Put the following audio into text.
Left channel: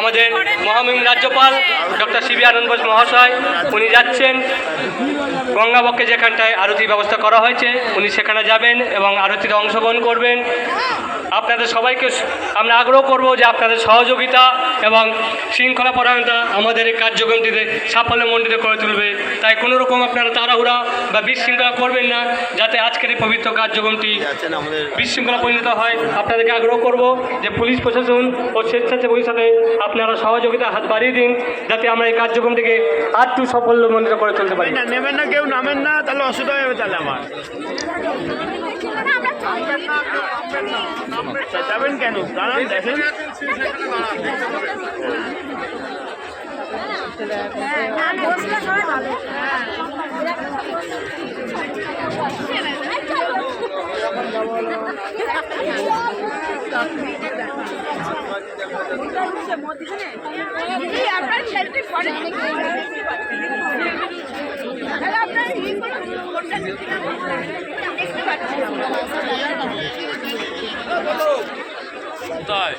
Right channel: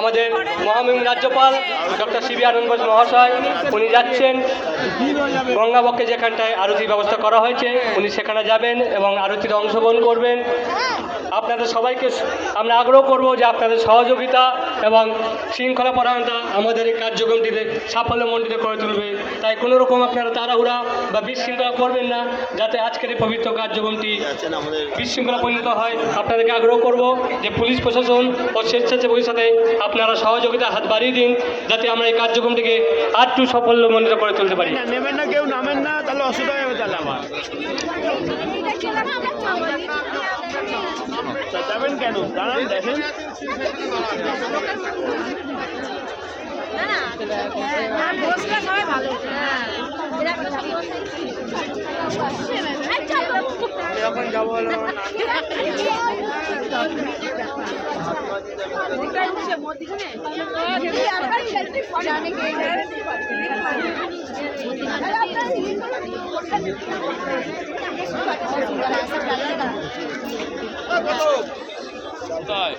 আমাদের মহামহিম রাজ্যপাল ডক্টর সিবি আনন্দ বোস মহাশয় উনি যাচ্ছেন গঙ্গাবক্ষে, যেখানটায় আরতির ব্যবস্থা করা হয়েছে উনি সেখানে যাবেন এবং আরতিতে অংশগ্রহণ করবেন। আপনাদের সবাইকে আমরা আগ্রহ করব যে আপনাদের সহযোগিতা এবং শৃঙ্খলা পরায়ণতা আমাদের এই কার্যক্রমটিতে সাফল্যমণ্ডিত করে তুলবে। তাই কোনো রকম আপনারা তাড়াহুড়া বা বিশৃঙ্খলা করবেন না, যাতে আজকের এই পবিত্র কার্যক্রমটি বিশৃঙ্খলা পরিণত হয়। আপনাদেরকে আগ্রহ করব যে পুলিশ প্রশাসন ও স্বেচ্ছাসেবকের সাথে আপনারা সহযোগিতা হাত বাড়িয়ে দিন, যাতে আমরা এই কার্যক্রমটিকে আরেকটু সাফল্যমণ্ডিত করে তুলতে পারি। নেবেন না, কেউ নামেন না, তাহলে অসুবিধা হবে। তাহলে আমার যাবেন কেন? দাঁড়ান, দেখেন এখন যাবো তাই